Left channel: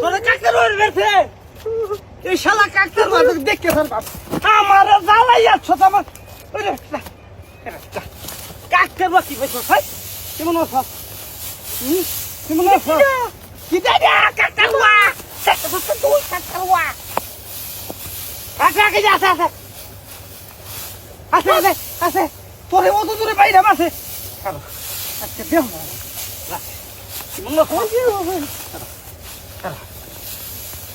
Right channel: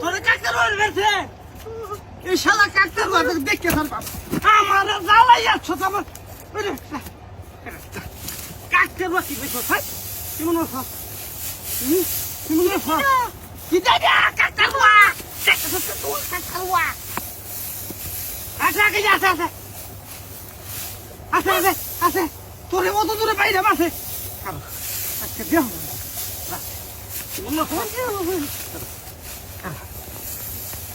তোরা কাকতার বাড়ি বেরছে এই শালা কাকতার বাড়ি দেখে ফেলবাম আমার জ্বালাই যাচ্ছ তো আমার কাকতার বাড়ি বেশ ভাই কেমন আছো কেমন আছো কি দাদা কাকতার ওয়া তুই কাকতার ওয়া আচ্ছা আগে যা আছে আছে আছে আছে আছে তোরে অত দূরে বাইরে আছে আচ্ছা দেহ কেমন আছো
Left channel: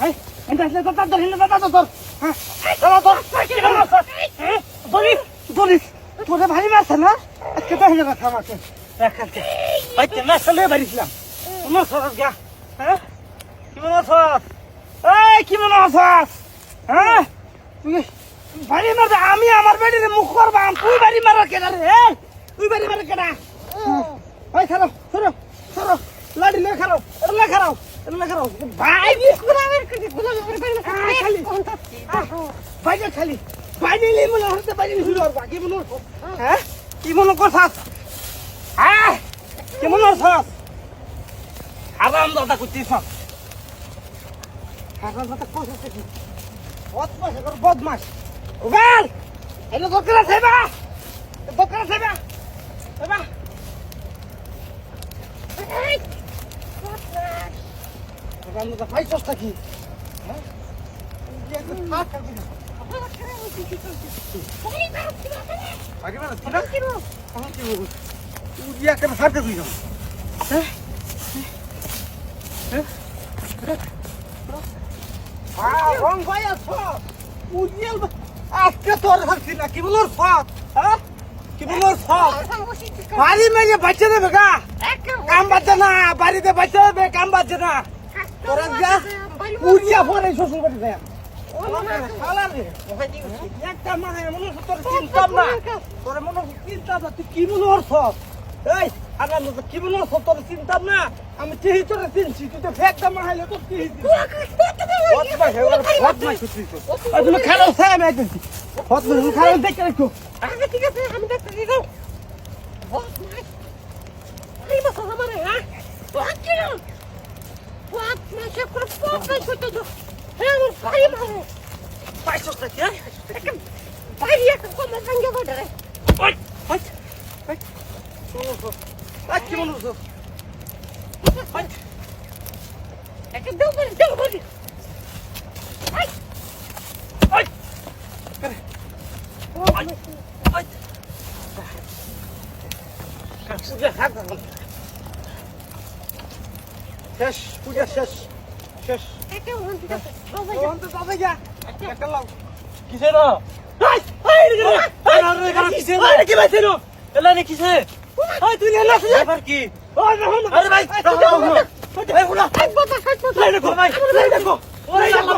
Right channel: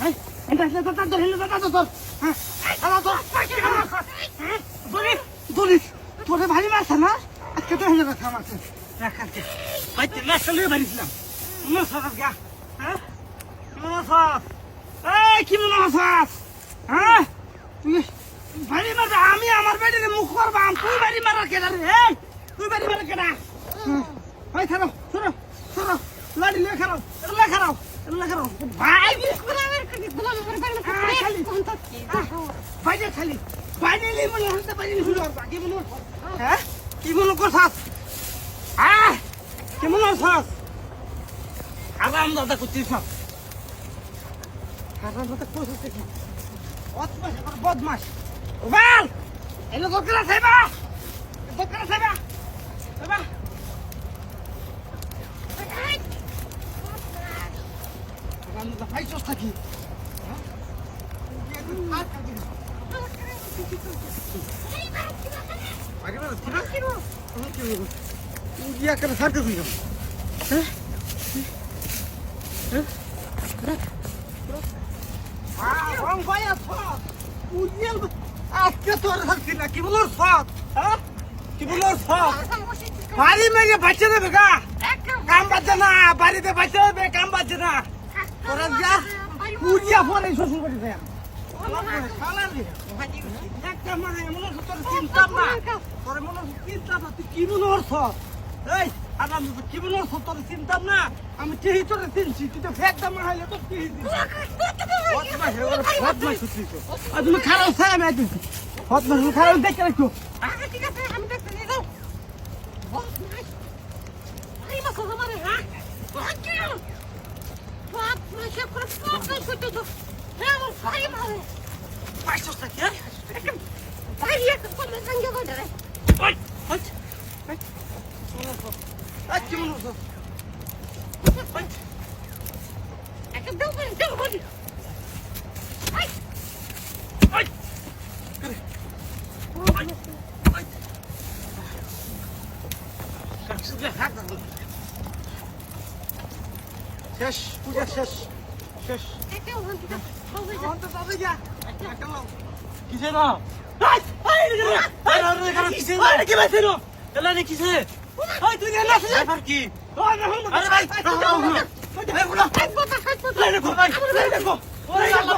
Hey, enggak lihat tata tor. Tata tor. Doris, তোরে ভারী মাছ না? আজকে তো হেলে রাখা মাছ। রাখাতে। ভাই তেলা চলে বাড়িছিলাম। তোমার সরস গা। হ্যাঁ? কি মনে আছস? এই কি মনে আছস? হ্যাঁ? তুই ভারী মাছ আমি আমার বেডিরে মুখ করবাম। তুই ভারী মার কেডা রে? এই তুই ভারী মার কেডা? ভাই খারাপ, সরো, সরো। লাড়ি লে খারাপ, লে খারাপ। ভাই খালি বাইরে মনে হচ্ছে বাইরে কি মনে হ্যাঁ কি মনে করছাস হ্যাঁ কি মনে করছাস আরাম দাদা করছিস আরাম দাদা করছিস কি বদমাস কর বদমাস ওগাল এনে দরকার আছে বা দরকার আছে বা বাবা আমি তো ফাইট করতে কি হ্যাঁ ये कुछ हाथ कर दो आगे ना थोड़ा क्यों ये कर हाथ कर दो हैं हैं हां हम भाया था मुझे আজকে তোর হাসি না কি বলছ হ্যাঁ কি বলছ বাড়ি মেয়ে বাচ্চা দেবে গা কাম বাচ্চা না বাড়িতে বাচ্চা দেবে কাম বাচ্চা না তোরা যা পুরিয়া পরে শ্বশুর বাড়ি যায় একটা মানে মনে তোর চিন্তা না তোর মনে চিন্তা তুই কি মনে করছ এই আগাম কি মনে করছ তোর চিন্তা না আমি ঠিক তোর চিনছি তুই তো একদম হাইলে তো কি তুমি খারাপ খাই আমি একদিন তুমি খারাপ দেখে রাখো আগে ঠিক আছে আমি দেখতে দিয়ে যাও এই মাছ আমার হ্যাঁ What? My chef could have spoken to the hell of fire, man. Why so that? Yeah, why do you have to come and give it? What? What? What? What? Come on, what? I can do it. Do it. What? What? What? What? শেষ পূজা শেষ শেষ কিসে না কিসে কি বাইছে না এলা রে কিসে ওই তুই না নাচ এবার কি আরে ভাই ভাই বলা ভাই দেখো ভাই দেখো ওই আল্লাহ